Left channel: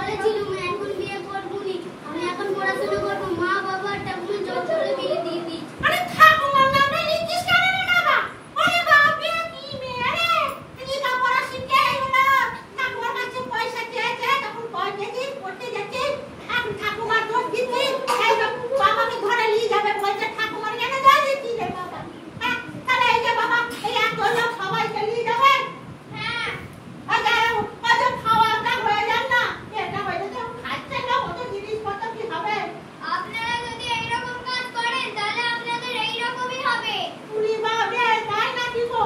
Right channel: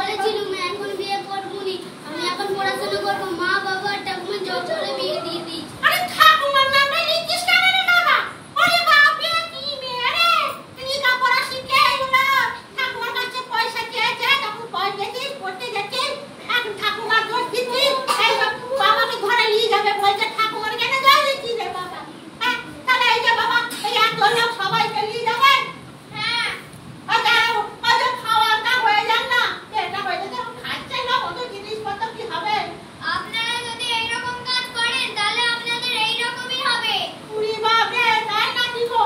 বলেছিলাম এখন বিয়ে করব নি, আমি এখন পড়াশোনা করব। মা বাবা ঠাকুমা জোর করে বিয়ে দিয়ে দিই। আরে ঠাকুমার নামে লিখিস কেন রে বাবা? ওরে বাবা কি মেয়ে রে, লেখাপড়া শিখে এলো, ঠাকুমার কাছে পয়সা চেয়েছে, তখন পয়সা দিয়ে পড়তে যাচ্ছে, এখন ঠাকুমার দোষ দিচ্ছিস, এই বাবাকে ধরে নিয়ে যাবে বলছে, ঠাকুমার কেন দোষ দিচ্ছিস রে বাবা? হ্যাঁ তাহলে এই যে বাবা এই একজন লোক সবাইকে নিয়ে যাবে। হ্যাঁ ওই খাওয়াটা হয়ে যান না, এটা হয়ে যাচ্ছে খাচ্ছে না, কত জিনিসপত্র কি হবে? আপনারা যদি এইরকম কাজ করেন তাহলে আপনাদের এইরকমই হবে। উড়ি বাবা তাই না কি গো?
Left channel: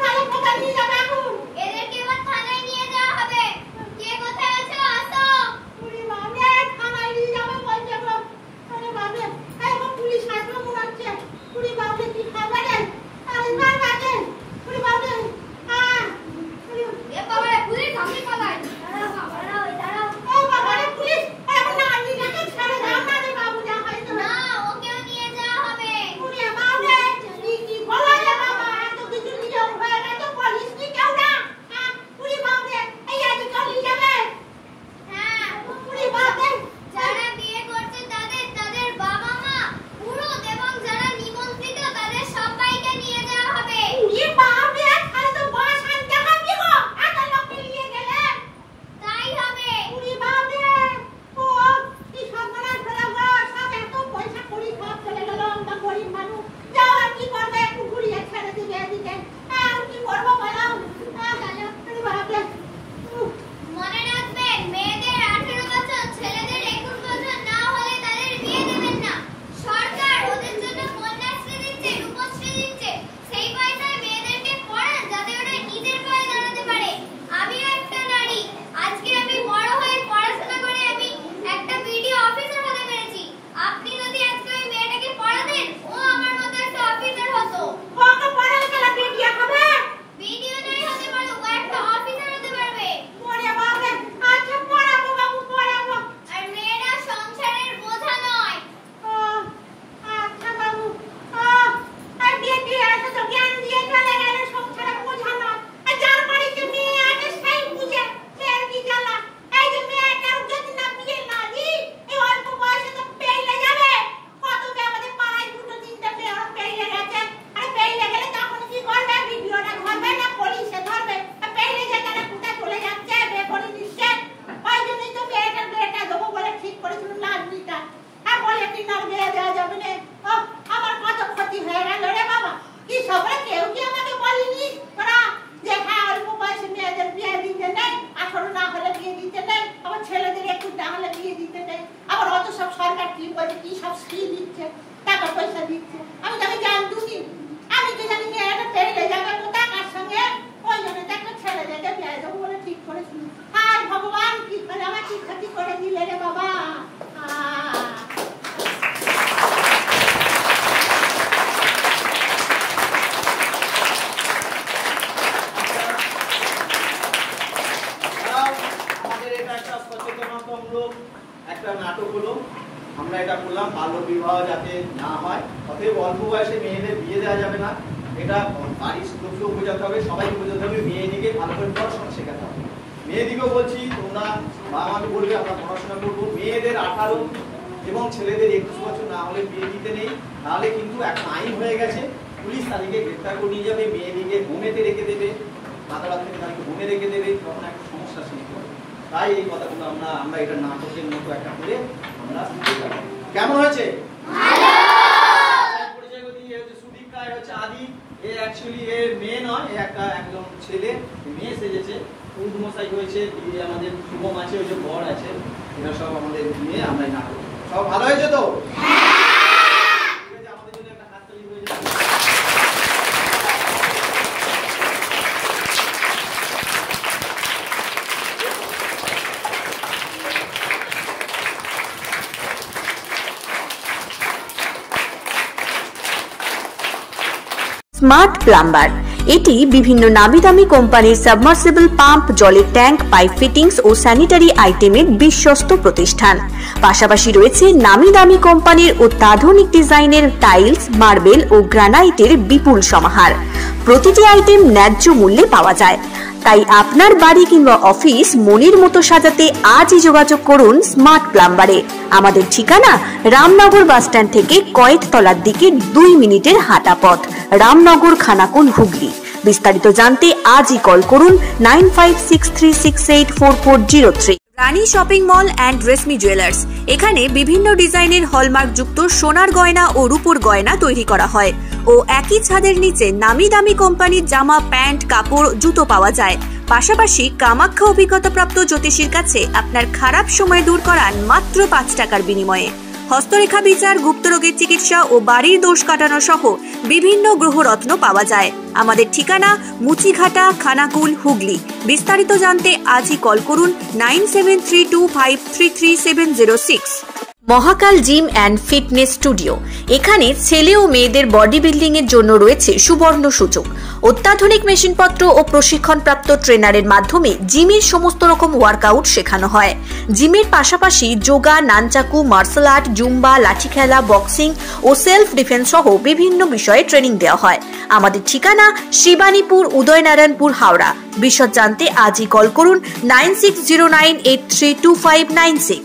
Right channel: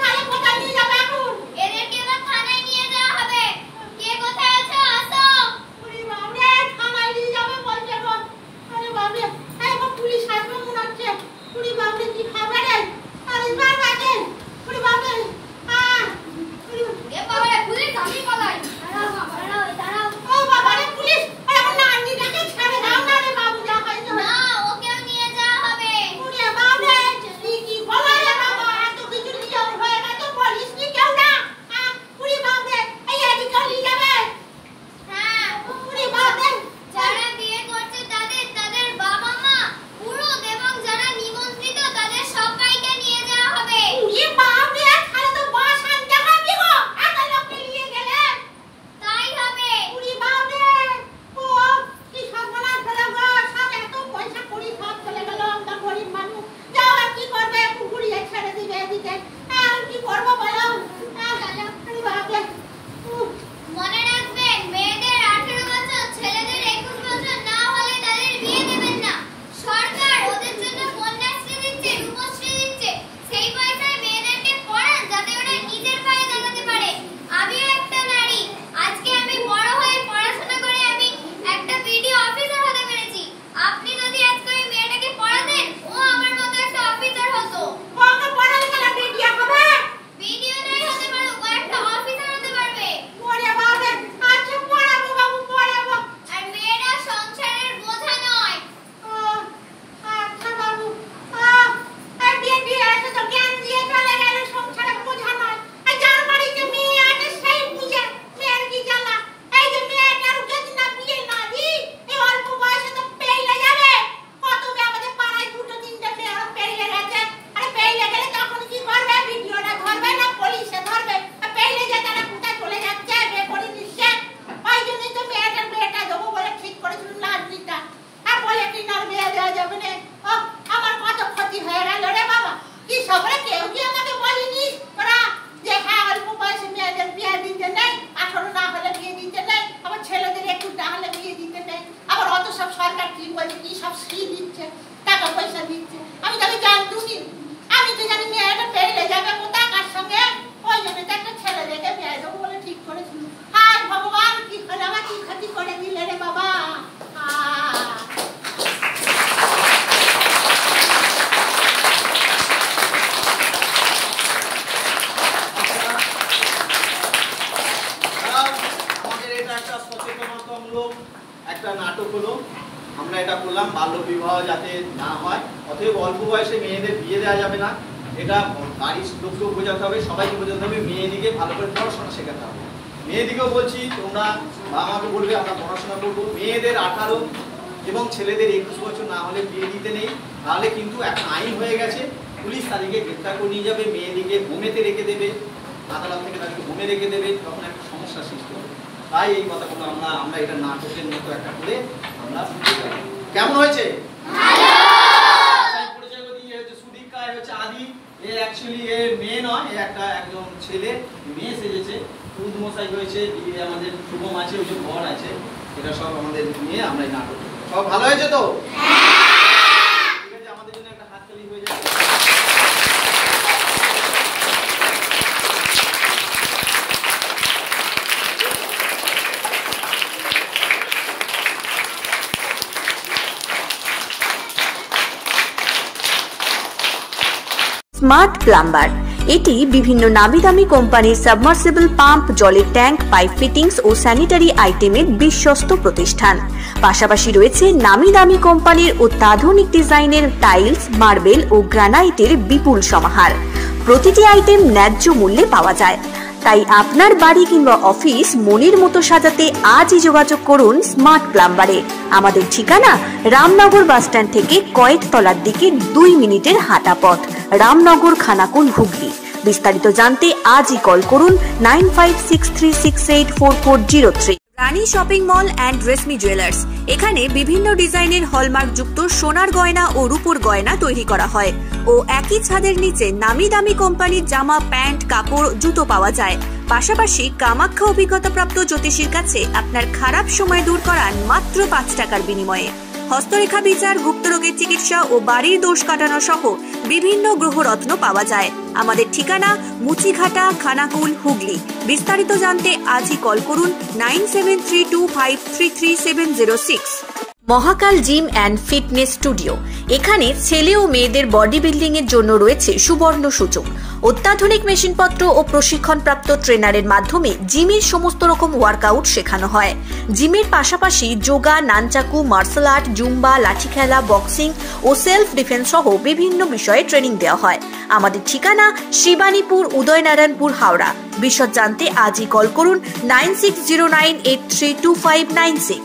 তাহলে কোথায় নিয়ে যাবে এখন? এদেরকে এবার থানায় নিয়ে যাওয়া হবে। কে কোথায় আছো আসো। উড়ি বাবা থানায় নিয়ে যাবে বলছে গো। আরে বাবা এই গো পুলিশ আসবে মনে হচ্ছে। উড়ি বাবা কি খাবে রে? আরে বাবা রে উড়ি বাবা এ বাবা রে পুলিশ আমি পালাই। দাঁড়াও ও বাবা রে পুলিশ এখন না আন্টিটাকে ছেড়ে দাও না রে বাবু, যা খাইতে হবে। না ওকেও নিয়ে যাওয়া হবে। উড়ি বাবা কি বলে রে বাবা, এত কিছু নিয়ম হয়ে গেছে, পুলিশ কি কেউ না? উড়ি বাবা এই আজকে নিয়ে যাবে। হ্যাঁ উড়ি বাবা যারা বিয়ে করছে তাদের বাবা মা পুরুষ এবং যারা নিমন্ত্রিত তাদের সবাইকে নিয়ে যাওয়া হবে। উড়ি বাবা তাহলে তো বাস আনতে হবে গো, এত লোককে নিয়ে গেলে। তাই হবে। উড়ি বাবা ও কি সর্বনাশ হলো গো, সব এত পয়সা করি সব চলে গেল, আমরা গরিব মানুষ, যাও আর কি করবে, একটু ঘুরিয়ে ছেড়ে দিবে এদিকে, আর কি করবো বলো? উড়ি বাবা মনে রাখবেন মেয়েদের 18 বছর ছেলেদের 21 বছর না হলে তাদের বিয়ে দেবেন না। সরকার ওদের জন্য কন্যাশ্রী দিচ্ছে, রূপশ্রী দিচ্ছে, সেই পয়সায় মেয়েদেরকে পড়ান যাতে ওরা নিজের পায়ে দাঁড়াতে পারে। আমিও একটা নারী, আজকে আমি বড় হয়ে পড়াশোনা করে আমি একটা বিডিও অফিসার হতে পেরেছি। আপনি যদি আজকে ওই মেয়েটাকে পড়াতেন ও আমার মতো একটা অফিসার হতো। ওকে পড়ালে গেলে বিটিয়া হবে। বিডিও নাই হতে পারো ও একটা অফিসার হতে পারবে। ওরে বাবা আচ্ছা পড়াবো বাবু পড়াবো। আর মেয়েরা সংসারের বোঝা নয়। ও আচ্ছা বাবু আর বিয়ে এসে তো জ্ঞান দিয়ে চলে গেল, সংসারে বোঝা নয়। আর যার বাড়িতে মেয়ে আছে সেই বুঝে মেয়ের কি জ্বালা। এই যে মেয়েটার যদি না বিয়ে না দিই এই অল্প বয়সে তো পেইলে যাবে। কত মেয়ে আমাদের পাড়ায় দুটো তিনটে মেয়ে পেইলে গেছে। আরে পেইলে গেলে তখন কি করবে? ভিডিওটা ধরবে না পুলিশে ধরবে? আর পেইলে যে তারা কোথায় চলে যাচ্ছে, বিয়ে করে নিচ্ছে। ওই জন্যই তো মেয়েটা দেবো বলে ঠিক করেছিল লাজমিটা। আর বলে কি না বিয়ে দেওয়া যাবে না। আমার কত ক্ষতি হয়ে গেল রে বাবা। কি সবরে কেউ কি আমাকে বলিনি তোরা যে হ্যাঁ অল্প বয়সে মেয়েদের বিয়ে দিতে নেই, 18 না হলে বিয়ে দিতে নেই, আবার ছেলেদের 21 না হলে বিয়ে দিতে নেই, আবার অত সব সরকার কি বলে কি সব ফ্রি দিচ্ছে, টাকা পয়সা দিচ্ছে। আমি তাকে জানতুনি, আমি তো জানি মেয়েটা পেলে যাবে কোথায় কার সঙ্গে, ওই জন্য তো একটা ছেলে দেখে বিয়ে দেবো বলে ঠিক করেছিল। হায় ভগবান কি করে আমার কি ক্ষতি করে দিলে রে বাবা। একটা নাটক হলো, আমরা এটা করলাম বাল্য বিবাহ যাতে না হয়, অতএব অল্প বয়সে মেয়েদের বিয়ে দেওয়া যাবে না। এটা বাড়ির লোককেও বোঝাতে হবে, সবাইকে বোঝাতে হবে, মেয়েদিকে ভালো করে পড়াশোনা শেখাতে হবে। মেয়েদিকেও বলছি তোমরা বাবা মাকে বলবে আমরা পড়াশোনা করবো। মেয়েদের 18 এবং ছেলেদের 21 বছর না হলে বিয়ে দিতে নেই, নাহলে কিন্তু এখন আইন হয়ে গেছে, পুলিশ তাদেরকে গ্রেপ্তার করে নিয়ে যাবে, মেয়েদিকে হোমেতে রেখে দেবে, আদালত থেকে তাদেরকে হোমে রেখে দেবে, তখন একটা সমস্যার সৃষ্টি হবে। তাই এই কথাগুলো আমরা এটা নাটকের মতো একটা করে আমরা কেমন হয়েছে? সুদীক্ষা হচ্ছে আদি, এ অ্যাকচুয়ালি এ মেয়ে নয়, এ একটা একদম ছেলে, মেয়ে সেজেছে। উদ্মশাই হয়েছে, আমাদের শুভম আছে, ওই যে বর আছে, এটা সব আমাদের মেয়ে। আমরা এই নাটক সব ভালো হয়েছে তো? ঠিক আছে, আমাদের জন্য একটা হাততালি হয়ে যাবে। স্মার্ট প্লাম্বার, এটি বিভিন্ন নামি দামি কোম্পানির সাবমার্সিবল পাম্প, জলের ট্যাঙ্ক, পাইপ ফিটিংস ও স্যানিটারি আইটেমের বিশ্বস্ত প্রতিষ্ঠান। পাশাপাশি রয়েছে নামি দামি কোম্পানির অত্যাধুনিক ডিজাইনের টাইলস, মার্বেল ও গ্রানাইটের বিপুল সমাহার। প্রতিটি আইটেম ন্যায্য মূল্যে পাওয়া যায়। তাই আপনার বাড়ি কিংবা অফিস মনের মতো সাজাতে আজই যোগাযোগ করুন স্মার্ট প্লাম্বারে। আমাদের ঠিকানা রামনগর বাসস্ট্যান্ড থেকে কয়েকতলার দিকে 2 মিনিটের হাঁটা পথ, রামনগর, খানাকুল, হুগলি। বিস্তারিত জানতে আজই কল করুন 9563684403। Rani shopping mall and Reshmi jewellers, এখানে বিভিন্ন ডিজাইনের হলমার্ক যুক্ত সোনার গয়না ও রূপোর গয়না তৈরি করা হয় ও একই ছাদের নিচে নামি দামি কোম্পানির জামা, প্যান্ট, কাপড়, জুতো পাওয়া যায়। পাশাপাশি কামাখ্যা অভিজ্ঞতাপ্রাপ্ত জ্যোতিষীর কাছে আপনার খারাপ সময় দূর করান মাত্র 5 টাকার বিনিময়ে। হস্তরেখা বিচার, গুপ্তরোগের চিকিৎসা ও বাড়ির দোষ কাটানো সহ বিভিন্ন গ্রহরত্ন পাওয়া যায়। আমাদের ঠিকানা মুচিঘাটা, খানাকুল, হুগলি। বিস্তারিত জানতে আজই কল করুন 9732533706। মহাকাল জিম অ্যান্ড ফিটনেস স্টুডিও, এখানে ছেলে ও মেয়েদের বডি বিল্ডিং এর জন্য রয়েছে সুবর্ণ সুযোগ। অত্যাধুনিক মেশিনপত্র ও প্রশিক্ষণপ্রাপ্ত ট্রেনারের মাধ্যমে জিমের সমস্ত রকম ওয়ার্কআউট শেখানো হয়। জিমের পাশাপাশি yoga, nunchaku, martial art, zumba, লাঠি খেলা, বক্সিং ও সেলফ ডিফেন্স সহ বিভিন্ন বিষয়ে ট্রেনিং দেওয়া হয়। আমাদের ঠিকানা শিবানীপুর, উদয়নারায়ণপুর, হাওড়া। বিশদ জানতে আজই কল করুন 9609832596।